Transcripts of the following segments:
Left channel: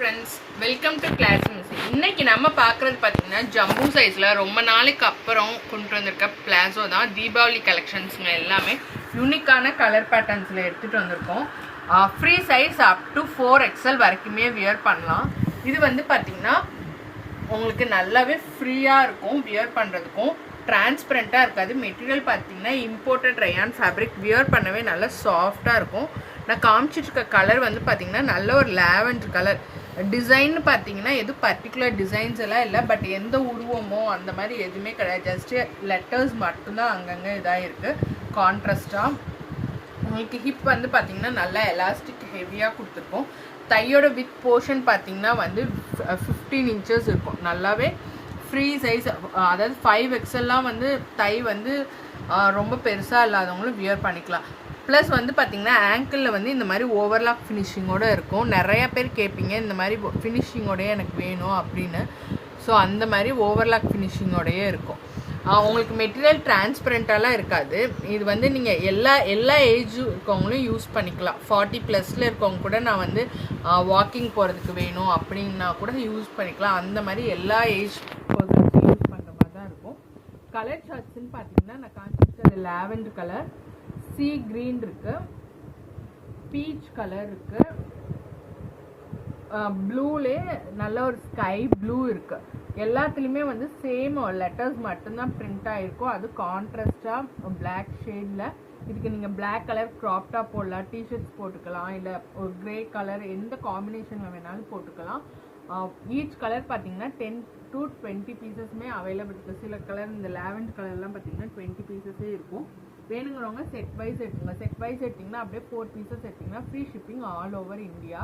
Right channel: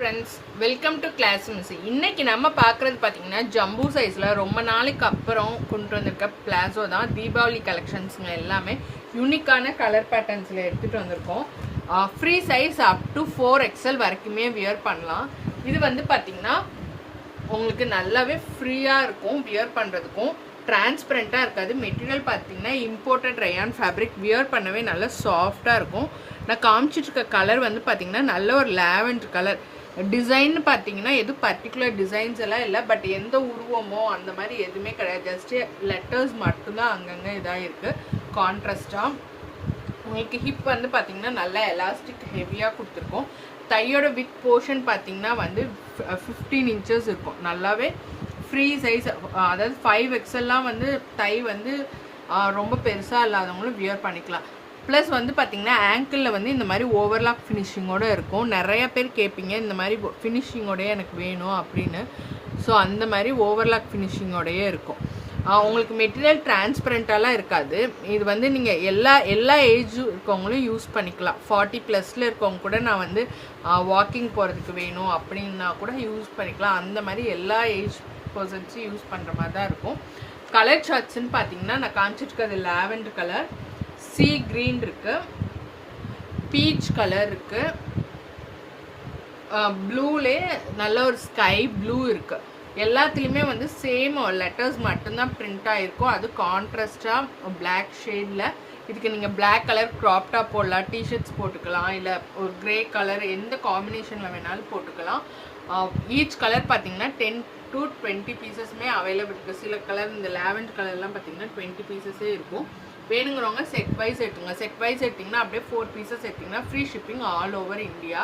Friends, welcome to class music. இன்னைக்கு நம்ம பார்க்குறது பார்த்தீங்கன்னா ஜம்பூ சைஸில் ரொம்ப நாளைக்கு அப்புறம் கொண்டு வந்திருக்க பிளாசோ தான். தீபாவளி கலெக்ஷன்ஸுங்க எல்லாமே யூனிக்கான கலர் பேட்டர்ன்ஸில் எடுத்துகிட்டு வந்திருக்கோம். Free size up to 4XL வரைக்குமே வியர் பண்ணலாம். இது வந்து பார்த்திங்கன்னா உங்களுக்கு நல்லாவே ஃப்ரீயாக இருக்கும் வியர் பண்ணுறதுக்கும். டிரான்ஸ்பரண்ட்டாக இருக்காது. மெட்டீரியல் பார்த்தீங்கன்னா இம்போர்ட்டட் ரயான் ஃபேப்ரிக். வியர் பண்ணவே நல்லா சாஃப்டாக இருக்கும். நான் காமிச்சிட்டு இருக்க கலர் வந்து பார்த்தீங்கன்னா நல்ல ஒரு லாவெண்டர் கலர். டிசைன் பார்த்தீங்கன்னா எதுவும் பர்டிகுலர் டிசைன்ஸ் எல்லாம் இல்லை, பட் எந்த உருவமோ அந்த மாதிரி எதுவுமே கிடையாது. ஜஸ்ட்டு லெட்டர்ஸ் மட்டும்தான் அங்கங்கே இதாக இருக்குது கான்ட்ராஸ்டாக. உங்களுக்கு ஹிப் வந்து பார்த்தீங்கன்னா நல்லா எலாஸ்டிக் ஹெவியாக கொடுத்துருக்கோம். தையோட வித் போர்ஷன் பார்த்தீங்கன்னா வந்து 15 inches இருக்கும். நல்லாவே ஃப்ரீ சைஸ், அதாவது 5XLலாம் வந்து டை வந்து ரொம்ப பெருசாக இல்லாதவங்களும் வியர் பண்ணிக்கலாம். ப்ளஸ் வந்து பார்த்திங்கன்னா ஆங்கிளில் வந்து இந்த மாதிரி ஓவர்லாக் ஃபினிஷிங்கோடு இருக்கும். நிறைய பேர் கேட்பீங்க இந்த மாதிரி ஃபினிஷிங்கோடையே எனக்கு வேணும் அப்படின்னு. ஸோ அந்த மாதிரி ஓவர்லாக் ஃபினிஷிங்கோடையே இருக்கும். உங்களுக்கு மெட்டீரியல் டிரான்ஸ்பரண்ட்டாலாம் இருக்காது. இது வந்து நீங்கள் எல்லா ஏஜ் இருக்கவங்களும் யூஸ் பண்ணிக்கலாம். 40+ இருக்கவங்க கூட நான் வந்து வாக்கிங் போகிறதுக்கு வேணும் அப்படின்னா கூட யூஸ் பண்ணிக்கலாம். அந்த மாதிரி எல்லா ஏஜ் பர்சன்ஸும் யூஸ் பண்ணுற மாதிரி தான் இருக்கும். கலர் சார்ட்ஸ்ன்னு பார்த்தீங்கன்னா நான் காமிச்சிட்டு இருக்கிறது லாவெண்டர் கலர், சி கிரீன் இருக்குது, பீச் கலர் இருக்குது, ப்ளூலே நல்ல ஒரு ஸ்கை ப்ளூ இருக்குது. எல்லாத்துலேயுமே வந்து சேம் லெட்டர்ஸ் மட்டும்தான் பிரிண்ட் ஆகிருக்கும். அது கான்ட்ராஸ்டாக பிளாக் ஷேடில். இதுக்கு நீங்கள் பிளாக் கலர் க்ராப் டாப் போடலாம், டிஷர்ட்ஸ் போட்டுக்கலாம், இல்லை ஒரு க்ரே கலர் எந்த காம்பினேஷனில் வேணாலும் போட்டுக்கலாம். ஈச் கலர் பார்த்தீங்கன்னா 10 to 20 பீசஸ்மே அவைலபிள் இருக்குது. சில கலர் இந்த லாவெண்டர் கலர்லாம் பார்த்தீங்கன்னா 20 பீசஸே இருக்கும். வேணுங்கிறவங்க செட் வைஸ் எடுத்துங்க. செட் வைஸ் எடுத்திங்கன்னா அப்படியே 4 பீசஸ் எடுத்திங்கன்னா free shipping all over India.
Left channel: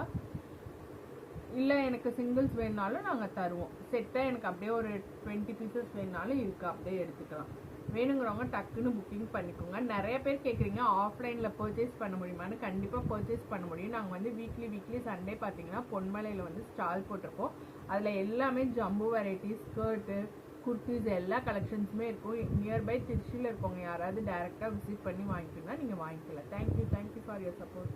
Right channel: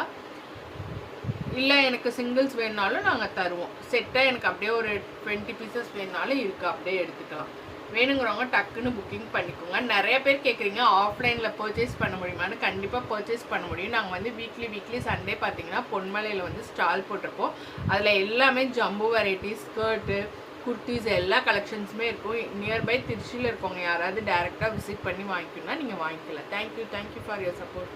இல்லை எனக்கு சிங்கிள்ஸ் வேணுனாலும் நாங்கள் தருவோம். செட்டாக எனக்கு அப்படியே ஒரு 20 பீசஸ் வேணுனாலும் இருக்குது, அப்படியே எடுத்துக்கலாம். வேணுங்கிறவங்க டக்குன்னு புக்கிங் பண்ணிக்கோங்க. நிறைய பேர் கேட்குறீங்க ஆஃப்லைனில் பர்ச்சேஸ் பண்ண முடியுமான்னு. கண்டிப்பாக பர்ச்சேஸ் பண்ண முடியும். நாங்கள் வந்து வீக்லி சண்டே பார்த்தீங்கன்னா பொன்மலையில் வந்து ஸ்டால் போட்டிருப்போம். அதில் எல்லாமே ஜம்பு வெரைட்டிஸ், ஸ்கர்ட்டு, குர்த்திஸ் எல்லா கலெக்ஷன்ஸுமே இருக்கும். நியர்பை திருச்சியில் இருக்கவங்க யாராவது டேரெக்டாக விசிட் பண்ணி வாங்கிக்கணும்னா நீங்கள் வாங்கிக்கலாம். Thank you for your support.